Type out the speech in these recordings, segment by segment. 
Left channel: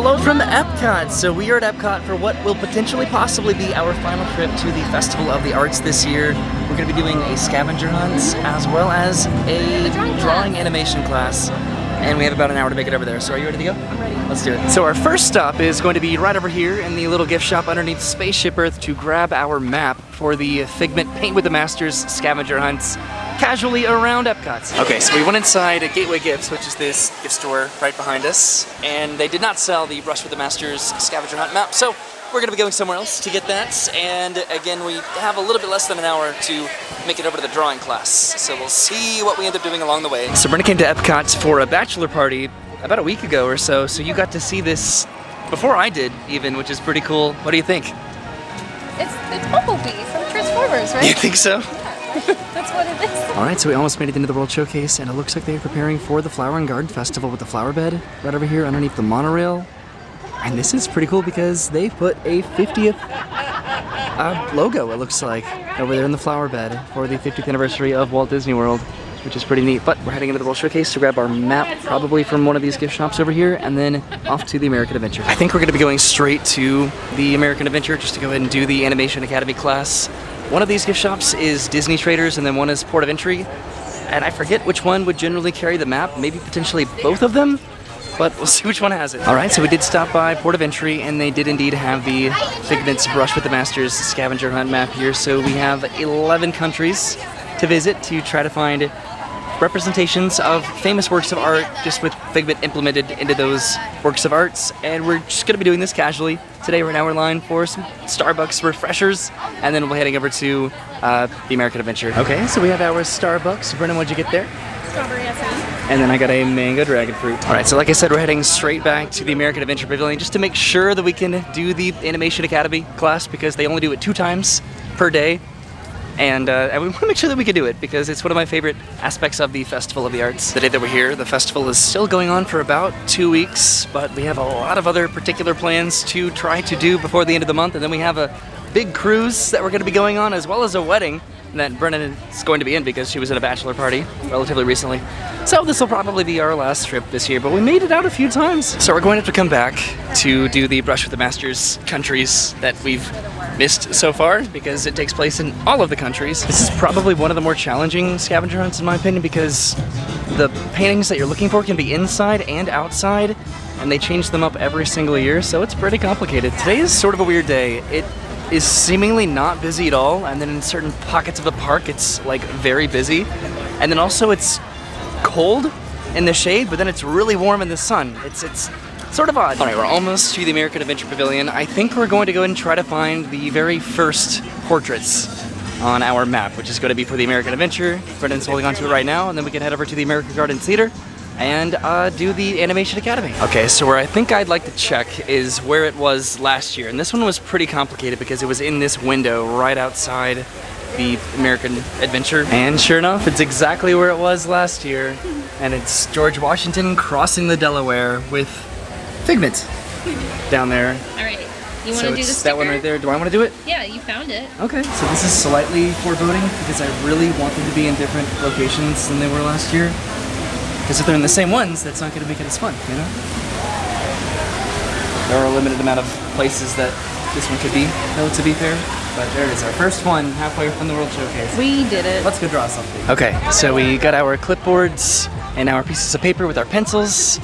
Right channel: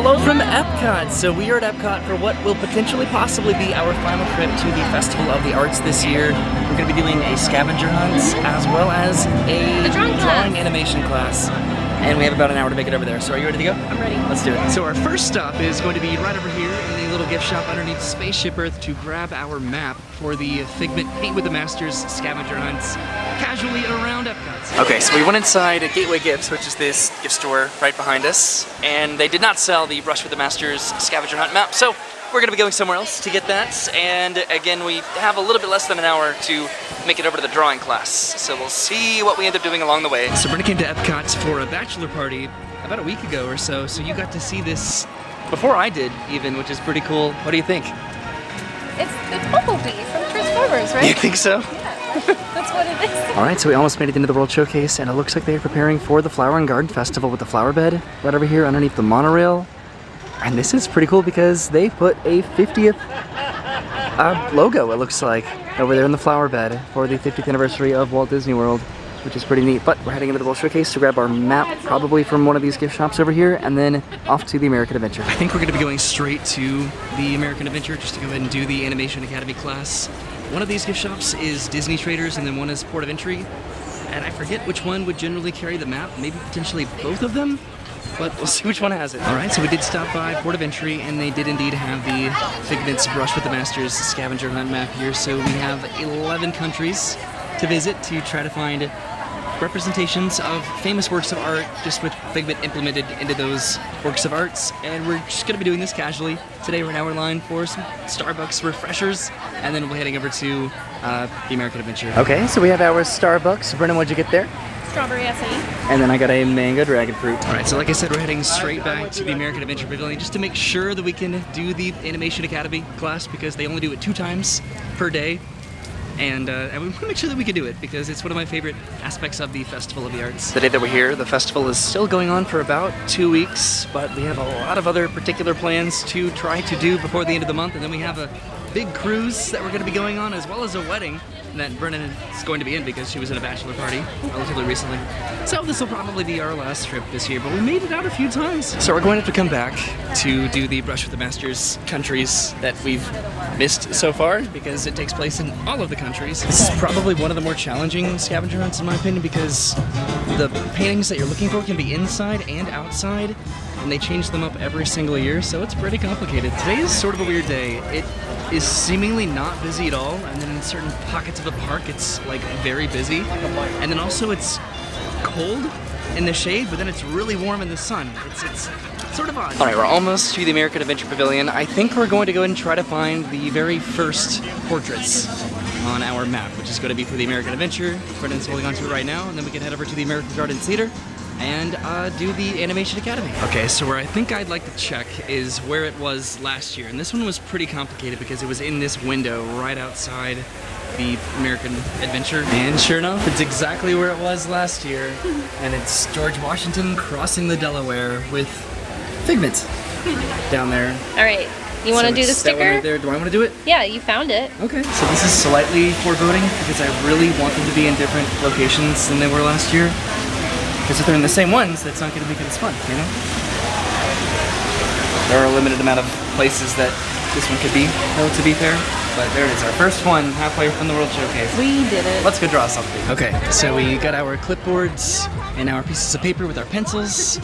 Hello from Epcot! So we are at Epcot for what will potentially possibly be our final trip to the Festival of the Arts this year. We're going to be doing a scavenger hunt as well as a drawing animation class. And we have about an hour to make it over there. So are you ready to go? I'm ready. Let's do it. So our first stop is going to be right over here in the little gift shop underneath Spaceship Earth to grab our map for the Figment Paint with the Masters scavenger hunts casually around Epcot. Okay, so we went inside a Gateway Gifts, which is this gift store right behind us, and they did not sell the Brush with the Masters scavenger hunt map, so we're gonna be going somewhere else to get that. And again, we have a little bit less than an hour to make it over to the drawing class, so we'll see what we end up doing along the way. So Brenda came to Epcot for a bachelor party about a week ago or so you got to see this before I did even, which is pretty cool. What do you think? It's Bumblebee from Transformers, right? You think so? Yeah, that's what it is. Alright, so we almost made it into the World Showcase, and it looks like they're preparing for the Flower and Garden Festival with the flower bed right over here underneath the monorail. And this is pretty cool because they put a 50th logo, it looks like, over there in the flower bed for the 50th anniversary of Walt Disney World, which is pretty neat. But we're heading into the World Showcase to grab our map, probably from one of these gift shops over here, and then off to the American Adventure. I think we're going to be going straight to the American Adventure just to go ahead and do the Animation Academy class. One of these gift shops is Disney Traders, and then one is Port of Entry. And I forget which one would generally carry the map, maybe potentially both of them, but we'll see which one has it. Alright, so we did stop by Port of Entry, and they did indeed have the Figment's Brush with the Masters scavenger hunt map here. So we have 11 countries to visit to try to find representations of famous works of art just with Figment implemented into those works of arts. And we're just going to be doing this casually. Today right now we're in line for some Starbucks refreshers, and then we'll be heading over to the American Adventure. Okay, so we have our Starbucks. Brennan, what'd you get there? Strawberry acai. And then I got a mango dragon fruit. Alright, so like I said, we're heading straight back to the American Adventure Pavilion just to make sure that we can do the Animation Academy class because they only do it 2 times per day. And we want to make sure that we can do it because it's one of my favorite aspects of the Festival of the Arts. The day that we're here, the festival is still going on for about 2 weeks, but we have a lot of other particular plans to try to do before the end of the month. And then we have a big cruise that we're going to be going on, as well as a wedding that Brennan is going to be in because she was at a bachelor party relatively recently. So this will probably be our last trip this year, but we made it out a few times. So we're going to have to come back to do the Brush with the Masters countries that we've missed so far because it takes place in all of the countries. This is probably one of the more challenging scavenger hunts in my opinion because the paintings that you're looking for can be inside and outside, and they change them up every single year, so it's pretty complicated. Today is sort of a weird day. It is seemingly not busy at all, and then in certain pockets of the park it's like very busy, and then also it's cold in the shade, but then it's really warm in the sun. It's sort of odd. Alright, we're almost to the American Adventure Pavilion. I think we're going to go ahead and try to find the very first portraits on our map, which is going to be for the American Adventure. Brendan's holding on to it right now, and then we can head over to the American Garden Theater and do the Animation Academy. Okay, so where I think I'd like to check is where it was last year. And this one was pretty complicated because it was in this window right outside the American Adventure. And sure enough, it's exactly where it was last year. And it's George Washington crossing the Delaware with Figment down there. All right, you want to do this? That one right there. Do I want to do it? Yeah, you found it. Okay, so this is slightly foreboding because I really want them to be in different locations than they were last year. Because if they're in the same ones, that's not going to make it as fun, you know? There are a limited amount of places that this one could be, though, to be fair. But there it is, our first one, halfway from the World Showcase. We did it. Let's go draw something. Okay, so we got our clipboards and our pieces of paper with our pencils.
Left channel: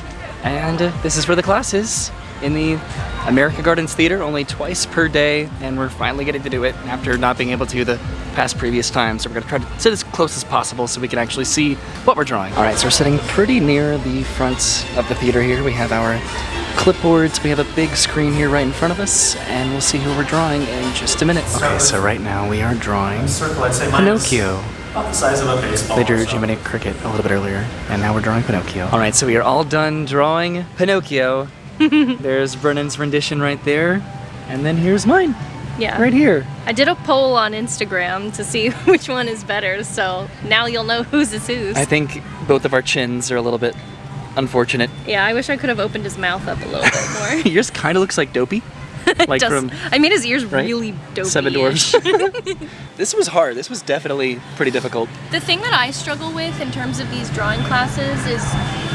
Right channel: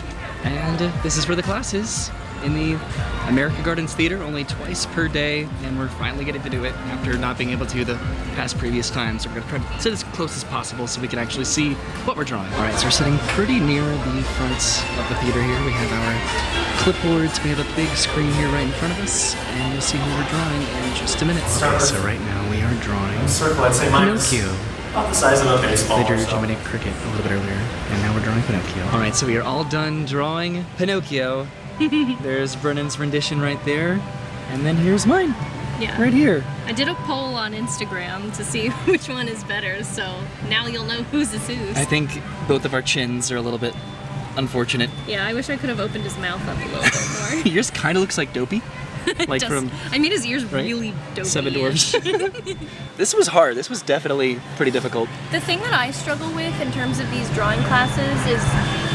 And this is where the class is. In the America Gardens Theater, only twice per day, and we're finally getting to do it after not being able to the past previous times. So we're going to try to sit as close as possible so we can actually see what we're drawing. Alright, so we're sitting pretty near the front of the theater here. We have our clipboards, we have a big screen here right in front of us, and we'll see who we're drawing in just a minute. Okay, so right now we are drawing circle, I'd say minus Pinocchio. About the size of a baseball. They drew or so. Dominic Cricket a little bit earlier, and now we're drawing Pinocchio. Alright, so we are all done drawing Pinocchio. There's Brennan's rendition right there, and then here's mine. Yeah. Right here. I did a poll on Instagram to see which one is better, so now you'll know whose is whose. I think both of our chins are a little bit unfortunate. Yeah, I wish I could have opened his mouth up a little bit more. Yours kind of looks like Dopey. Like from I made his ears right? really dopey. Seven Dwarfs. This was hard. This was definitely pretty difficult. The thing that I struggle with in terms of these drawing classes is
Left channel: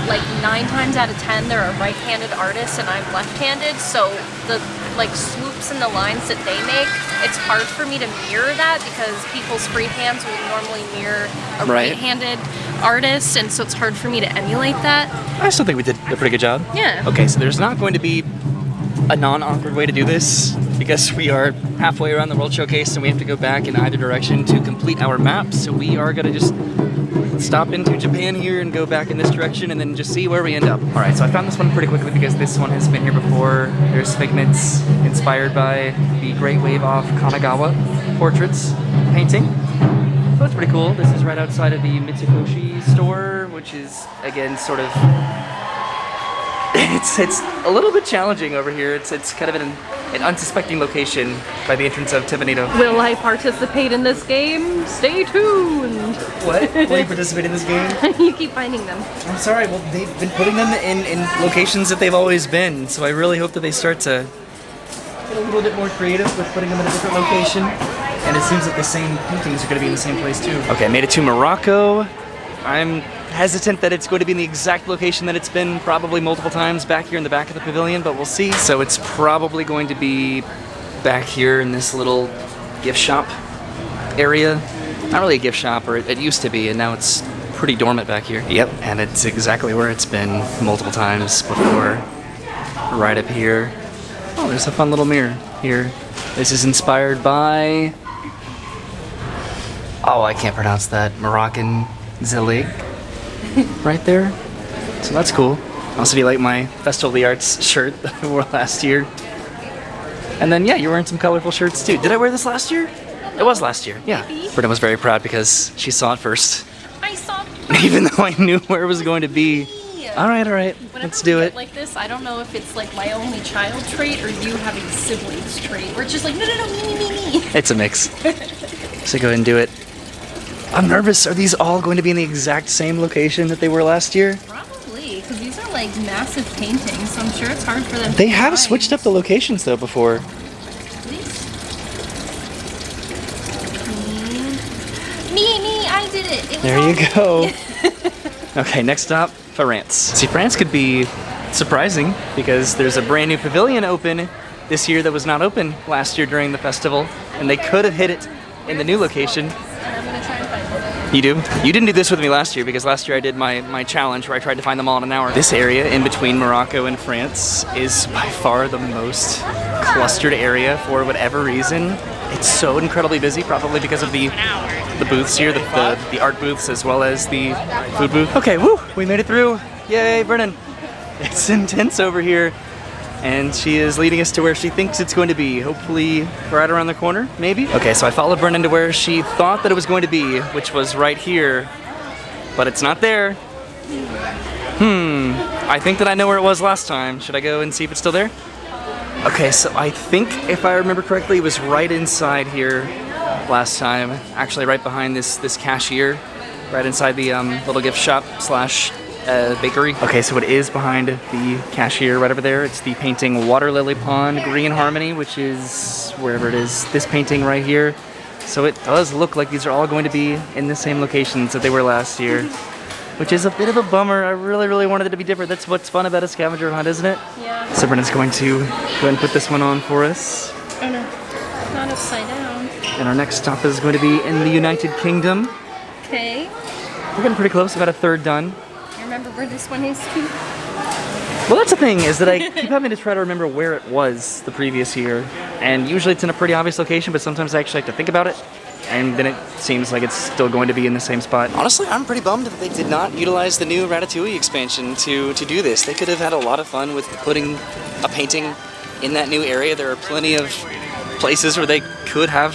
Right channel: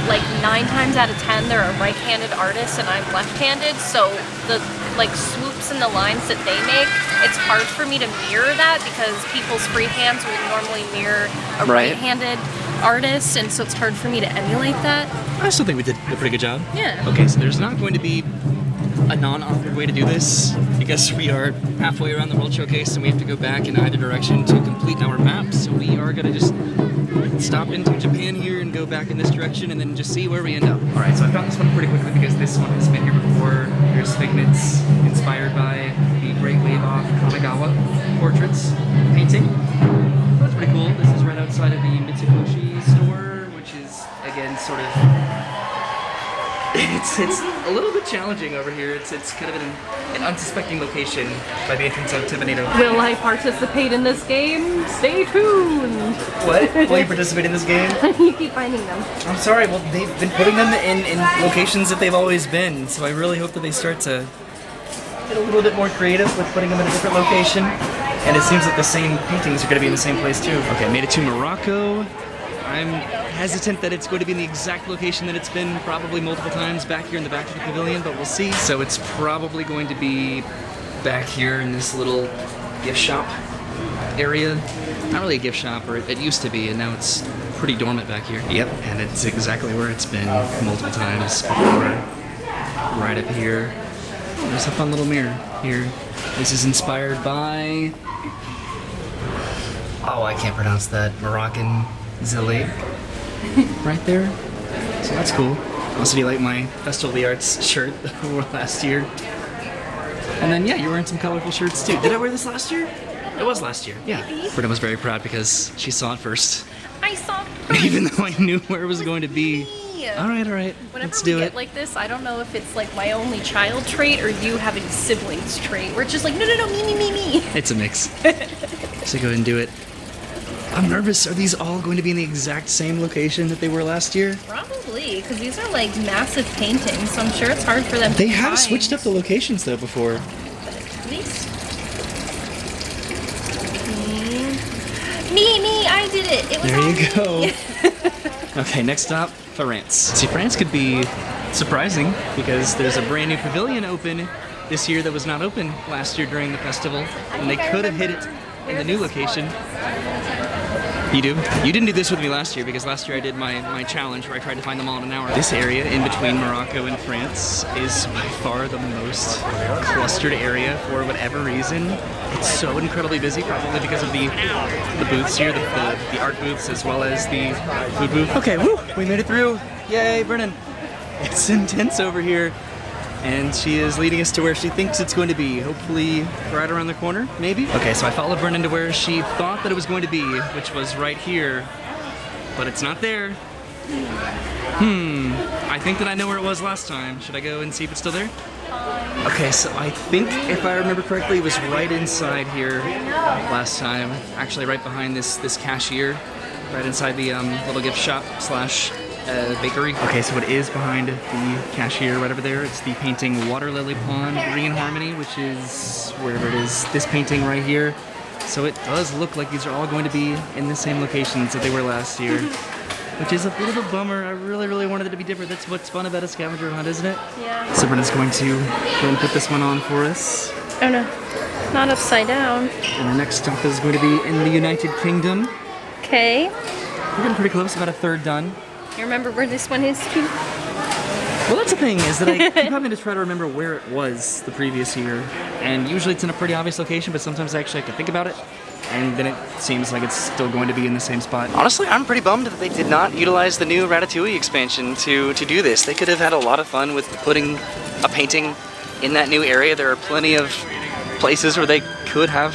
like 9 times out of 10 they're a right-handed artist and I'm left-handed, so the like swoops and the lines that they make, it's hard for me to mirror that because people's free hands will normally mirror a right-handed artist, and so it's hard for me to emulate that. I still think we did a pretty good job. Yeah. Okay, so there's not going to be a non-awkward way to do this because we are halfway around the World Showcase and we have to go back in either direction to complete our map. So we are going to just stop into Japan here and go back in this direction and then just see where we end up. Alright, so I found this one pretty quickly because this one has been here before. There's Figments inspired by the Great Wave off Kanagawa portraits painting. So that's pretty cool. This is right outside of the Mitsukoshi store, which is, again, sort of... It's a little bit challenging over here. It's kind of an unsuspecting location by the entrance of Timonito. Will I participate in this game? Stay tuned! What? Will you participate in this game? You keep finding them. I'm sorry, well, they've been putting them in locations that they've always been, so I really hope that they start to get a little bit more creative with putting them in a different location. And it seems like the same paintings are going to be in the same place too. Okay, I made it to Morocco. I'm hesitant that it's going to be in the exact location that it's been probably multiple times back here in the back of the pavilion, but we'll see. So it's probably going to be back here in this little gift shop area. Not really a gift shop, or it used to be, and now it's pretty dormant back here. Yep, and it's exactly where it's been multiple times before. Right up here. Oh, there's a fun little mirror here. This is inspired by... Oh, I can't pronounce that. Moroccan Zili. Right there. So that's cool. Also, do you like my Festival of the Arts shirt that I wore last year? And then, yeah, you're wearing some colorful shirts too. Did I wear this last year? It was last year, yeah. Britta was very proud because she saw it first. I saw it first. Even though I knew where it was going to be. All right. Whenever Let's we do get it. like this, I don't know if it's like my only child trait or you having siblings trait. We're just like, no, me. It's a mix. So go ahead and do it. I'm nervous. Are these all going to be in the exact same location that they were last year? Probably, because these are like massive paintings, so I'm sure it's hard for them to They have find. switched up the locations though before. At least. Me, I did it. It was There all you go. me. Okay, next stop, France. See, France could be surprising because there's a brand new pavilion open this year that was not open last year during the festival, and they could have hit it in the new location. I'm gonna try and find it. You do? You didn't do this with me last year because last year I did my challenge where I tried to find them all in an hour. This area in between Morocco and France is by far the most clustered area for whatever reason. It's so incredibly busy, probably because of the booths here, the art booths as well as the food booth. Okay, woo! We made it through. Yay, Brennan. It's intense over here. And she is leading us to where she thinks it's going to be. Hopefully right around the corner, maybe? Okay, so I followed Brennan to where she thought that it was going to be, which was right here. But it's not there. I think that I know where it was last time. Should I go and see if it's still there? Okay, so I think if I remember correctly, it was right inside here last time. Actually, right behind this cashier. Right inside the little gift shop slash bakery. Okay, so it is behind the cashier right over there. It's the painting Water Lily Pond Green Harmony, which is wherever it is, this painting right here. So it does look like these are all going to be in the same locations that they were last year, which is a bit of a bummer. I really wanted it to be different. That's what's fun about a scavenger hunt, isn't it? Yeah. So Brendan's going to go ahead and put this one on for us. I know. Not upside down. And our next stop is going to be in the United Kingdom. Okay. We're getting pretty close, about a third done. You remember where this one is too? Well, that's the thing, is that I keep having to try to remember where it was the previous year. And usually it's in a pretty obvious location, but sometimes I actually have to think about it. And then it seems like it's still going to be in the same spot. Honestly, I'm pretty bummed that they did not utilize the new Ratatouille expansion to do this. They could have had a lot of fun with putting a painting in that new area. There are plenty of places where they could have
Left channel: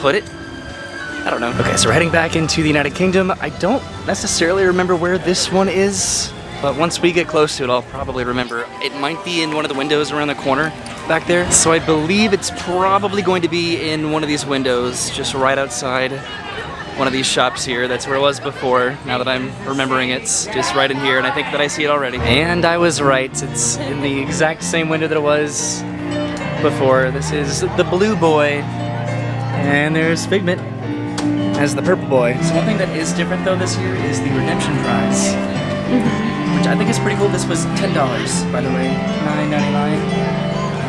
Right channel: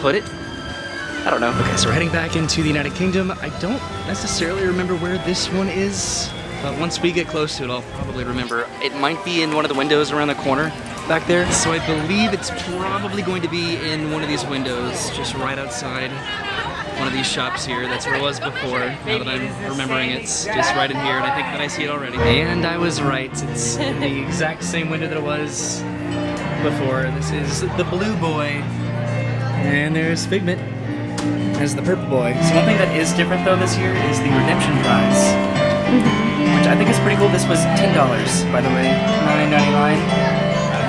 put it. I don't know. Okay, so we're heading back into the United Kingdom. I don't necessarily remember where this one is, but once we get close to it, I'll probably remember. It might be in one of the windows around the corner back there. So I believe it's probably going to be in one of these windows, just right outside one of these shops here. That's where it was before. Now that I'm remembering, it's just right in here, and I think that I see it already. And I was right. It's in the exact same window that it was before. This is the blue boy, and there's Figment as the purple boy. So one thing that is different though this year is the redemption prize. which I think is pretty cool. This was $10, by the way, $9.99.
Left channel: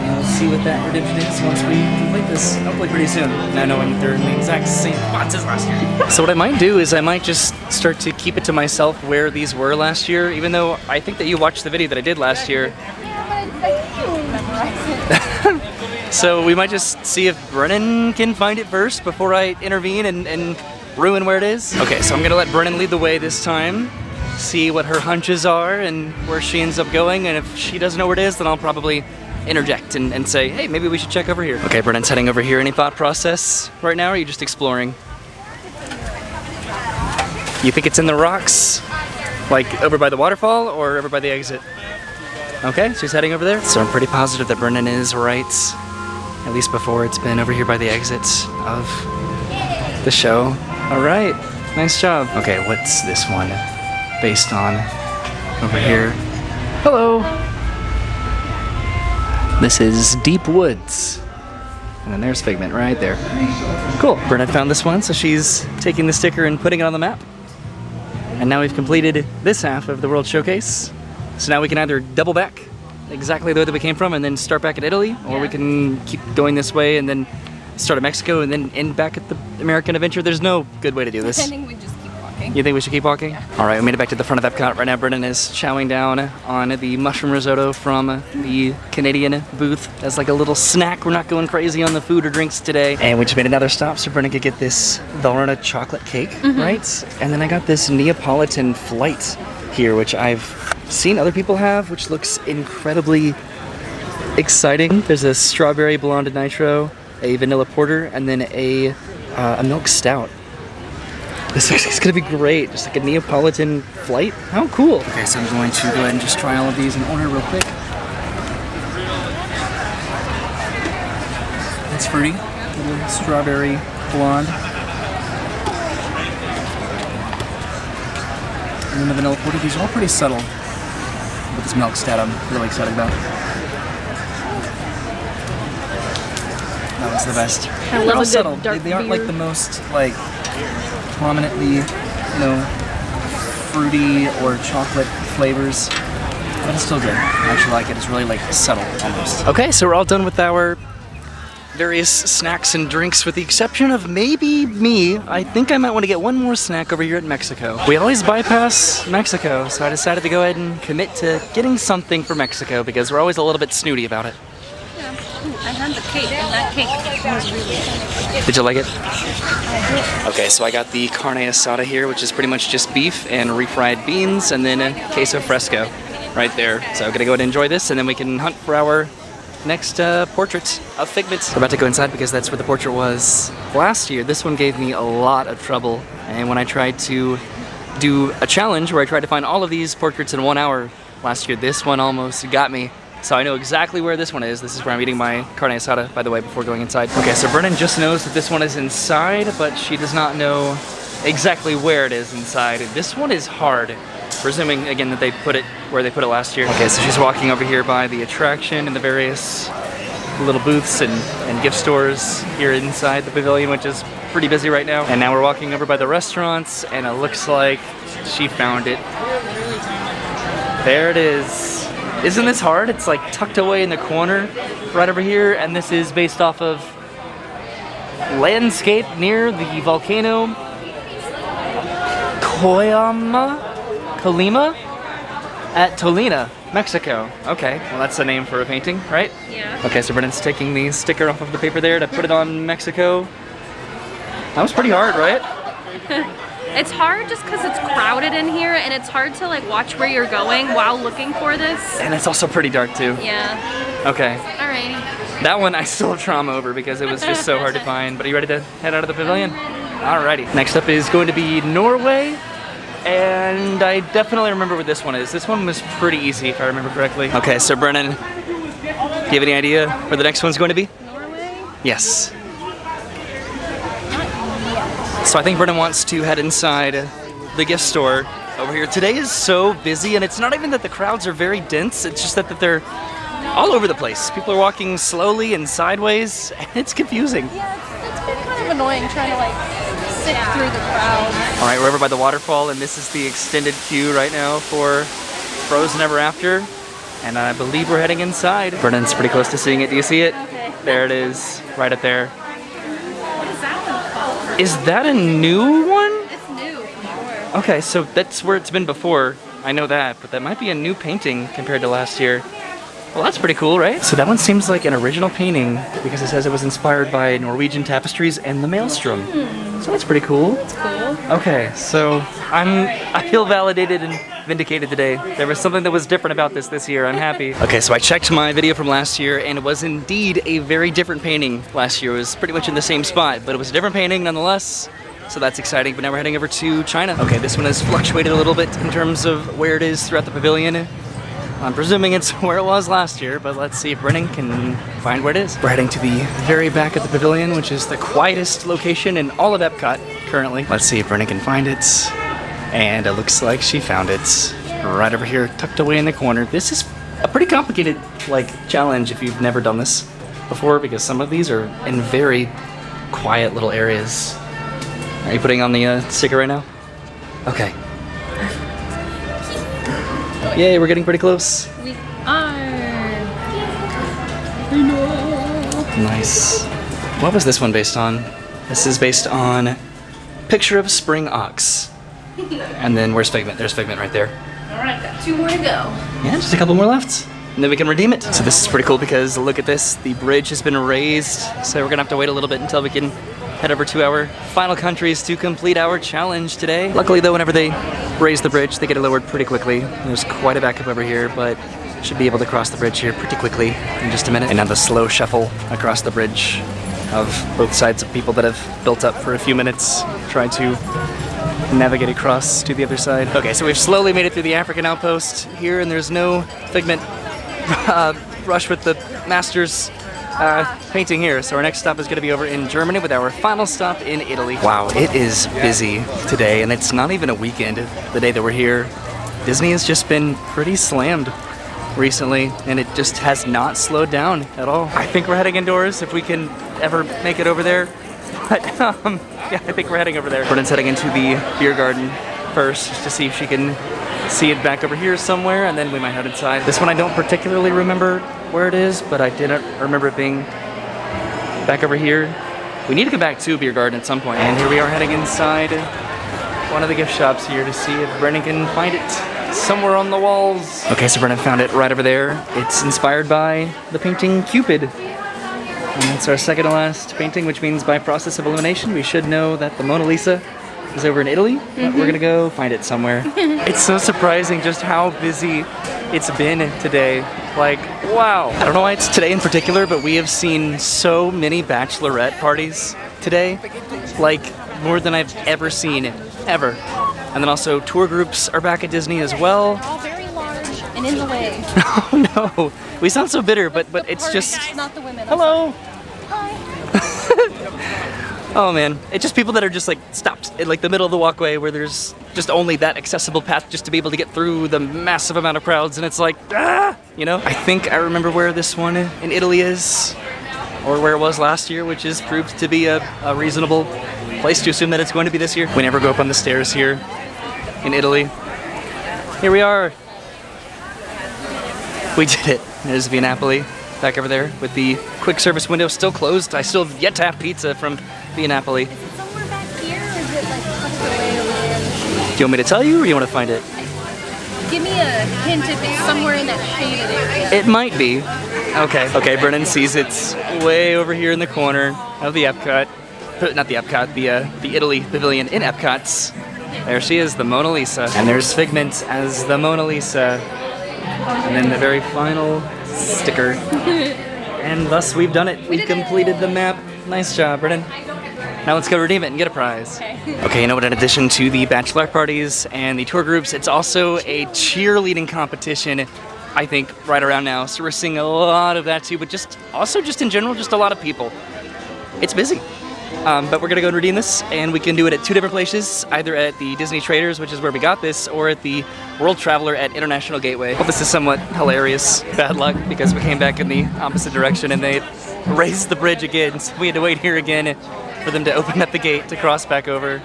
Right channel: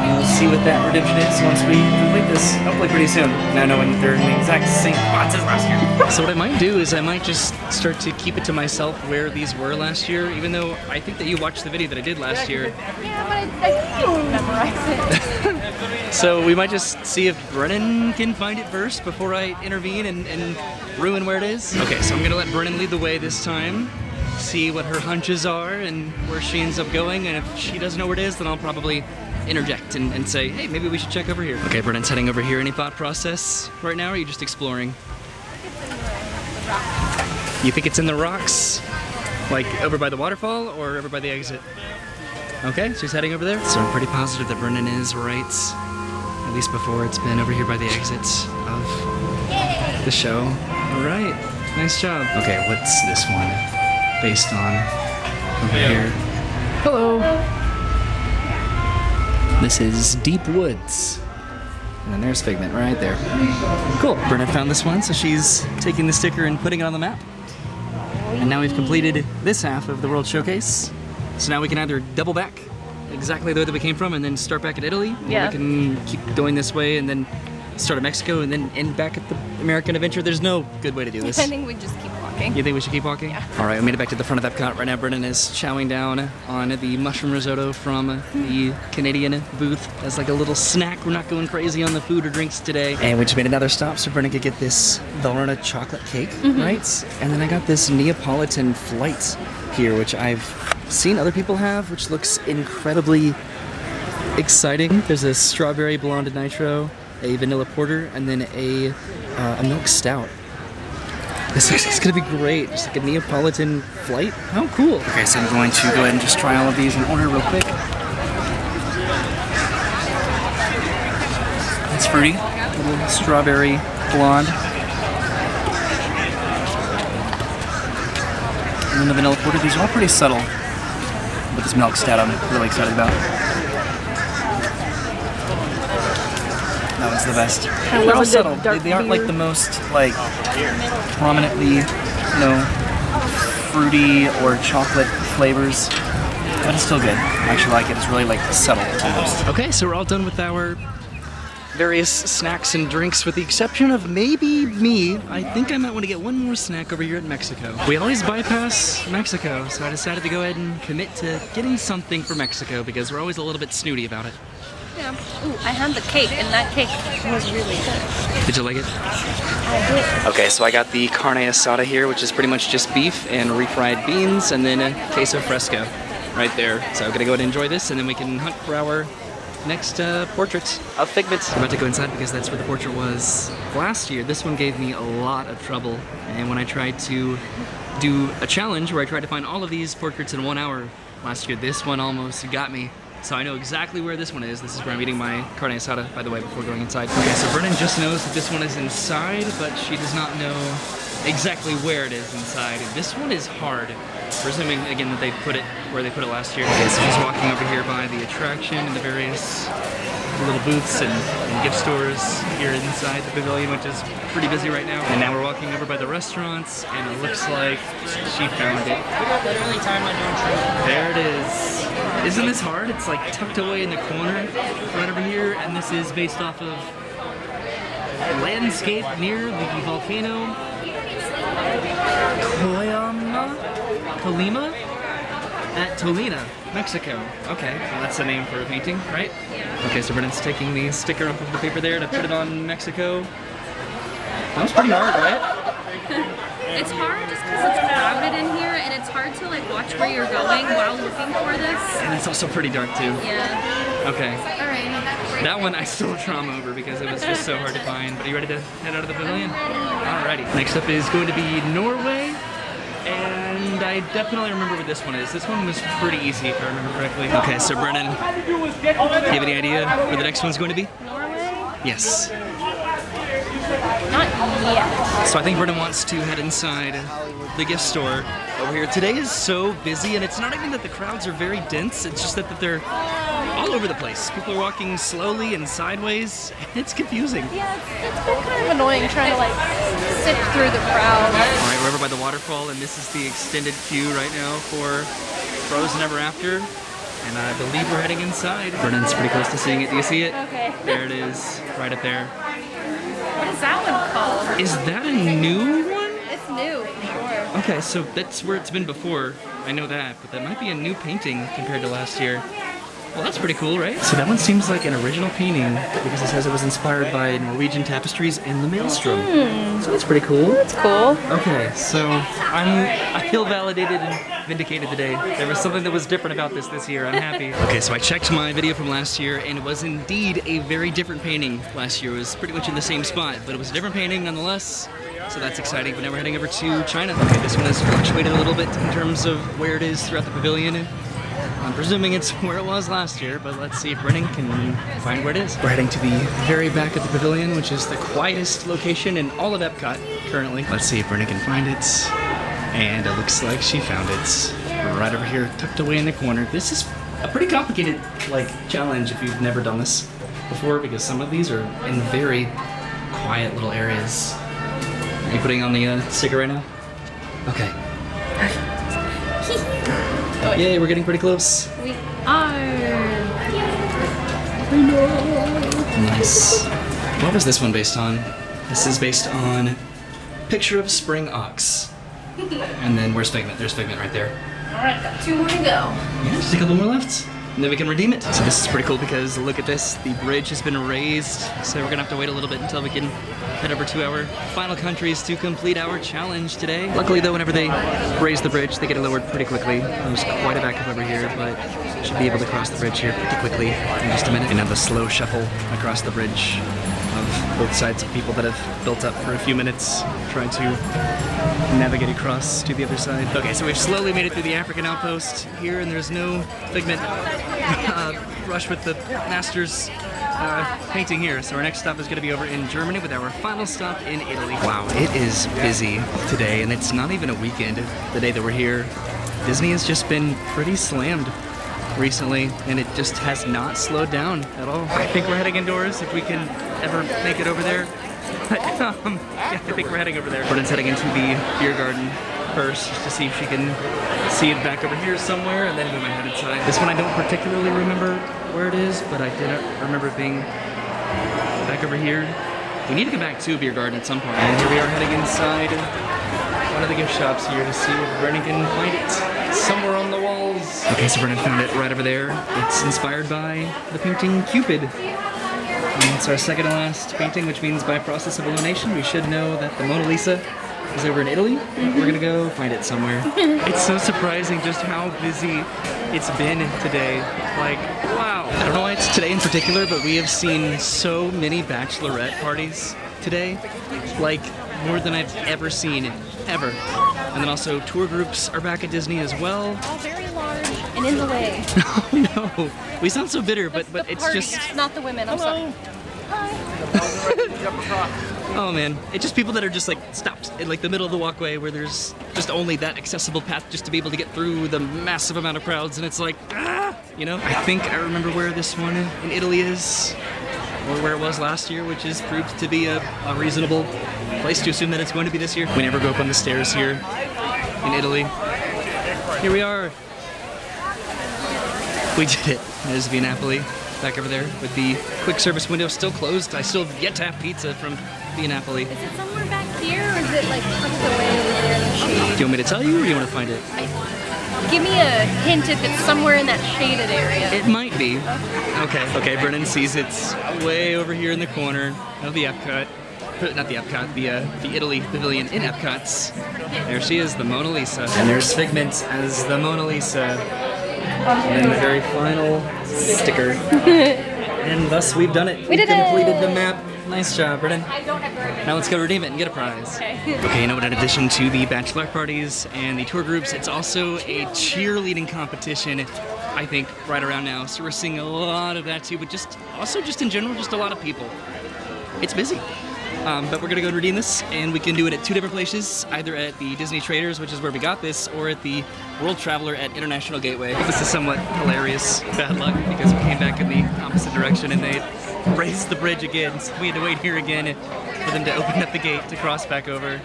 And we'll see what that redemption is once we complete this, hopefully pretty soon, now knowing they're in the exact same spots as last year. So what I might do is I might just start to keep it to myself where these were last year, even though I think that you watched the video that I did last year. Yeah, but I don't memorize it. So we might just see if Brennan can find it first before I intervene and ruin where it is. Okay, so I'm gonna let Brennan lead the way this time, see what her hunches are and where she ends up going, and if she doesn't know where it is, then I'll probably interject and say, hey, maybe we should check over here. Okay, Brennan's heading over here. Any thought process right now, or are you just exploring? You think it's in the rocks? Like over by the waterfall or over by the exit? Okay, so he's heading over there. So I'm pretty positive that Brennan is right, at least before it's been over here by the exits of the show. All right, nice job. Okay, what's this one based on over here? Hello. This is Deep Woods. And then there's Figment right there. Cool, Brennan found this one, so she's taking the sticker and putting it on the map. And now we've completed this half of the World Showcase. So now we can either double back exactly the way that we came from and then start back at Italy, or we can keep going this way and then start at Mexico and then end back at the American Adventure. There's no good way to do this. I think we just keep walking. You think we should keep walking? Yeah. All right, we made it back to the front of Epcot. Right now, Brennan is chowing down on the mushroom risotto from the Canadian booth as like a little snack. We're not going crazy on the food or drinks today. And we just made another stop so Brennan could get this Valrhona chocolate cake, right? And then I got this Neapolitan flight here, which I've seen other people have, which looks incredibly exciting. There's a strawberry blonde nitro, a vanilla porter, and then a milk stout. This is gonna be great. Just like a Neapolitan flight. How cool. Okay, so I'm going to go ahead and just try all of these in order real quick. It's fruity. Little strawberry blonde. And then the vanilla porter. These are all pretty subtle. But this milk stout I'm really excited about. That one's the best. I love They're all a good subtle. dark They aren't like beer. the most like prominently, you know, fruity or chocolate flavors, but it's still good. I actually like it. It's really like subtle almost. Okay, so we're all done with our various snacks and drinks with the exception of maybe me. I think I might want to get one more snack over here at Mexico. We always bypass Mexico, so I decided to go ahead and commit to getting something for Mexico because we're always a little bit snooty about it. Yeah. Ooh, I had the cake, and that cake was really good. Did you like it? I did. Okay, so I got the carne asada here, which is pretty much just beef and refried beans, and then a queso fresco right there. So I'm gonna go ahead and enjoy this, and then we can hunt for our next portraits of Figment. I'm about to go inside because that's where the portrait was last year. This one gave me a lot of trouble, and when I tried to do a challenge where I tried to find all of these portraits in 1 hour last year, this one almost got me. So I know exactly where this one is. This is where I'm eating my carne asada, by the way, before going inside. Okay, so Brennan just knows that this one is inside, but she does not know exactly where it is inside. This one is hard, presuming, again, that they put it where they put it last year. Okay, so she's walking over here by the attraction and the various little booths and gift stores here inside the pavilion, which is pretty busy right now. And now we're walking over by the restaurants, and it looks like she found it. There it is. Isn't this hard? It's like tucked away in the corner right over here, and this is based off of landscape near the volcano Colima at Tolina, Mexico. Okay, well that's the name for a painting, right? Yeah. Okay, so Brennan's taking the sticker off of the paper there to put it on Mexico. That was pretty hard, right? It's hard just because it's crowded in here, and it's hard to like watch where you're going while looking for this. And it's also pretty dark too. Yeah. Okay. All right. That one I still have trauma over because it was just so hard to find. But are you ready to head out of the pavilion? Alrighty. Next up is going to be Norway. And I definitely remember what this one is. This one was pretty easy if I remember correctly. Okay, so Brennan, do you have any idea where the next one's going to be? Norway? Yes. Not yet. So I think Brennan wants to head inside the gift store over here. Today is so busy, and it's not even that the crowds are very dense, it's just that they're all over the place. People are walking slowly and sideways, and it's confusing. Yeah, it's been kind of annoying trying to like sift through the crowds. All right, we're over by the waterfall, and this is the extended queue right now for Frozen Ever After, and I believe we're heading inside. Brennan's pretty close to seeing it. Do you see it? Okay. There it is, right up there. What is that one called? Is that a new one? It's new, for sure. Okay, so that's where it's been before. I know that, but that might be a new painting compared to last year. Well, that's pretty cool, right? So that one seems like an original painting because it says it was inspired by Norwegian tapestries and the maelstrom. So that's pretty cool. That's cool. Okay, so I feel validated and vindicated today. There was something that was different about this year. I'm happy. Okay, so I checked my video from last year, and it was indeed a very different painting last year. It was pretty much in the same spot, but it was a different painting nonetheless. So that's exciting. But now we're heading over to China. Okay, this one has fluctuated a little bit in terms of where it is throughout the pavilion. I'm presuming it's where it was last year, but let's see if Brennan can find where it is. We're heading to the very back of the pavilion, which is the quietest location in all of Epcot currently. Let's see if Brennan can find it. And it looks like she found it. Right over here, tucked away in the corner. This is a pretty complicated, challenge if you've never done this before, because some of these are in very quiet little areas. Are you putting on the sticker right now? Okay. Yay, we're getting pretty close. We are. Nice. What was this one based on? This is based on Picture of Spring Ox. And then where's Figment? There's Figment right there. Alright, got 2 more to go. Yeah, just a couple more left. And then we can redeem it. So this is pretty cool because look at this. The bridge has been raised. So we're gonna have to wait a little bit until we can head over to our final countries to complete our challenge today. Luckily though, whenever they raise the bridge, they get it lowered pretty quickly. There's quite a backup over here, but should be able to cross the bridge here pretty quickly in just a minute. And now the slow shuffle across the bridge of both sides of people that have built up for a few minutes, trying to navigate across to the other side. Okay, so we've slowly made it through the African outpost here, and there's no Figment rush with the Masters painting here. So our next stop is going to be over in Germany with our final stop in Italy. Wow, it is busy today, and it's not even a weekend the day that we're here. Disney has just been pretty slammed recently, and it just has not slowed down at all. I think we're heading indoors if we can ever make it over there. But, yeah, I think we're heading over there. Brennan's heading into the beer garden first just to see if she can see it back over here somewhere, and then we might head inside. This one I don't particularly remember where it is, but I did remember it being back over here. We need to go back to beer garden at some point. And here we are heading inside one of the gift shops here to see if Brennan can find it somewhere on the walls. Okay, so Brennan found it right over there. It's inspired by the painting Cupid. And it's our second to last painting, which means by process of elimination, we should know that the Mona Lisa is over in Italy. We're gonna go find it somewhere. It's so surprising just how busy it's been today. Wow. I don't know why it's today in particular, but we have seen so many bachelorette parties today. More than I've ever seen, ever. And then also tour groups are back at Disney as well. All very large and in the way. Oh no. We sound so bitter, but it's parties, just... not the women. Hello. Hi. Oh man, it's just people that are just stopped in the middle of the walkway where there's just only that accessible path just to be able to get through the massive amount of crowds, and it's I think I remember where this one in Italy is, or where it was last year, which is proved to be a reasonable place to assume that it's going to be this year. We never go up on the stairs here in Italy. Here we are. We did it. There's Via Napoli back over there with the quick service window still closed. I still have yet to have pizza from Via Napoli. Is it somewhere back here, or is it tucked away over there in the shade? Do you want me to tell you, or do you want to find it? Give me a hint if it's somewhere in that shaded area. It might be. Okay, Brennan sees it's way over here in the corner of the Epcot. Not the Epcot, the Italy pavilion in Epcot's. There she is, the Mona Lisa. And there's Figment as the Mona Lisa. And then the very final sticker. And thus we've done it. We completed the map. Nice job, Brennan. Now let's go redeem it and get a prize. Okay, you know what? In addition to the bachelor parties and the tour groups, it's also a cheerleading competition, I think, right around now. So we're seeing a lot of that too, but just in general, just a lot of people. It's busy. But we're gonna go and redeem this, and we can do it at 2 different places, either at the Disney Traders, which is where we got this, or at the World Traveler at International Gateway. This is somewhat hilarious bad luck because we came back in the opposite direction and they raised the bridge again, so we had to wait here again for them to open up the gate to cross back over.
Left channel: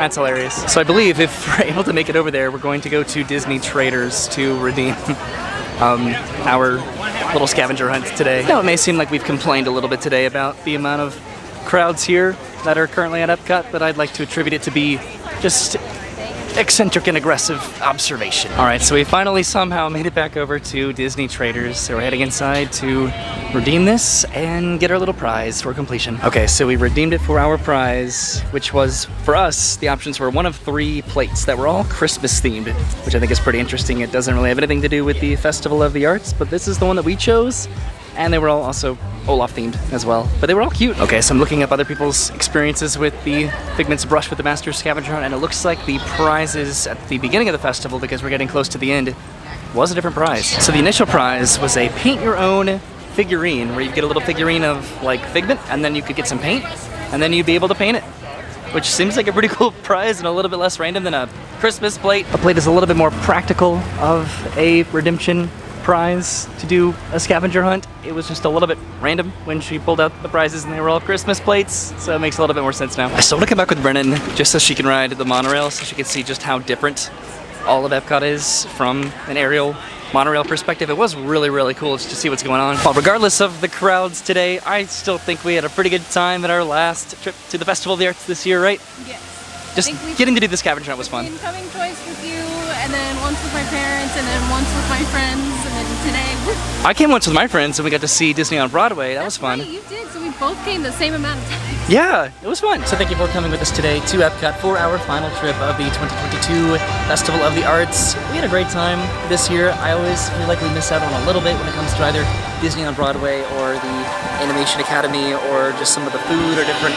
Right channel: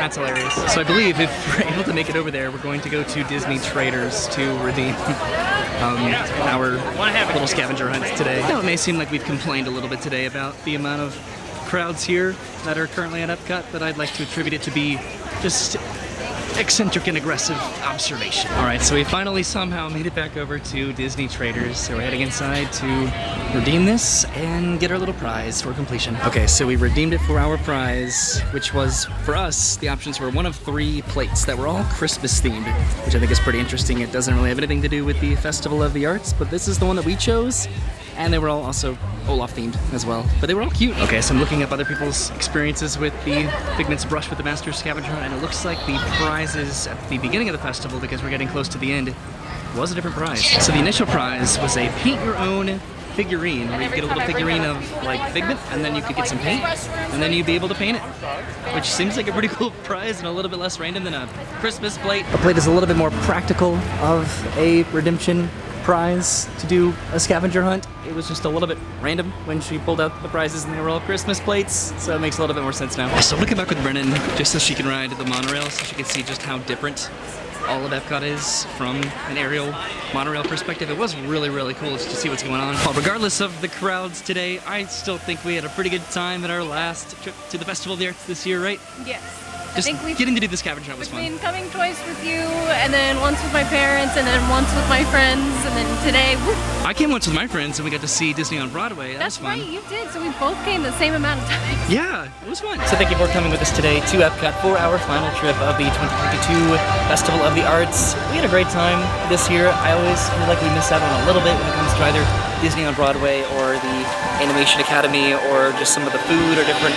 That's hilarious. So I believe if we're able to make it over there, we're going to go to Disney Traders to redeem our little scavenger hunts today. Now, it may seem like we've complained a little bit today about the amount of crowds here that are currently at Epcot, but I'd like to attribute it to be just eccentric and aggressive observation. All right, so we finally somehow made it back over to Disney Traders. So we're heading inside to redeem this and get our little prize for completion. Okay, so we redeemed it for our prize, which was, for us, the options were one of 3 plates that were all Christmas themed, which I think is pretty interesting. It doesn't really have anything to do with the Festival of the Arts, but this is the one that we chose. And they were all also Olaf themed as well, but they were all cute. Okay, so I'm looking up other people's experiences with the Figment's Brush with the Master Scavenger Hunt, and it looks like the prizes at the beginning of the festival, because we're getting close to the end, was a different prize. So the initial prize was a paint your own figurine, where you get a little figurine of like Figment, and then you could get some paint, and then you'd be able to paint it, which seems like a pretty cool prize and a little bit less random than a Christmas plate. A plate is a little bit more practical of a redemption prize to do a scavenger hunt. It was just a little bit random when she pulled out the prizes and they were all Christmas plates, so it makes a little bit more sense now. So looking back with Brennan, just so she can ride the monorail, so she can see just how different all of Epcot is from an aerial monorail perspective. It was really, really cool just to see what's going on. Well, regardless of the crowds today, I still think we had a pretty good time at our last trip to the Festival of the Arts this year, right? Yes. Just I think we've getting to do the scavenger hunt was fun. been coming twice with you, and then once with my parents, and then once with my friends, and then today I came once with my friends and we got to see Disney on Broadway. That was fun. That's right, you did. So we both came the same amount of times. Yeah, it was fun. So thank you for coming with us today to Epcot for our final trip of the 2022 Festival of the Arts. We had a great time this year. I always feel like we miss out on a little bit when it comes to either Disney on Broadway or the Animation Academy or just some of the food or different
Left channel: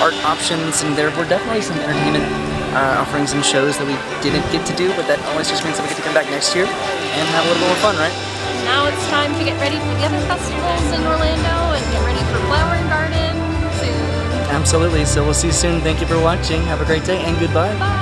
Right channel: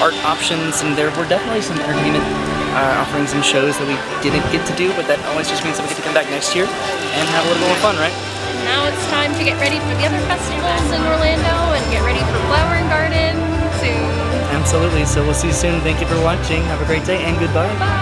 art options, and there were definitely some entertainment offerings and shows that we didn't get to do, but that always just means that we get to come back next year and have a little more fun, right? And now it's time to get ready for the other festivals in Orlando and get ready for Flower and Garden soon. Absolutely. So we'll see you soon. Thank you for watching. Have a great day and goodbye. Bye.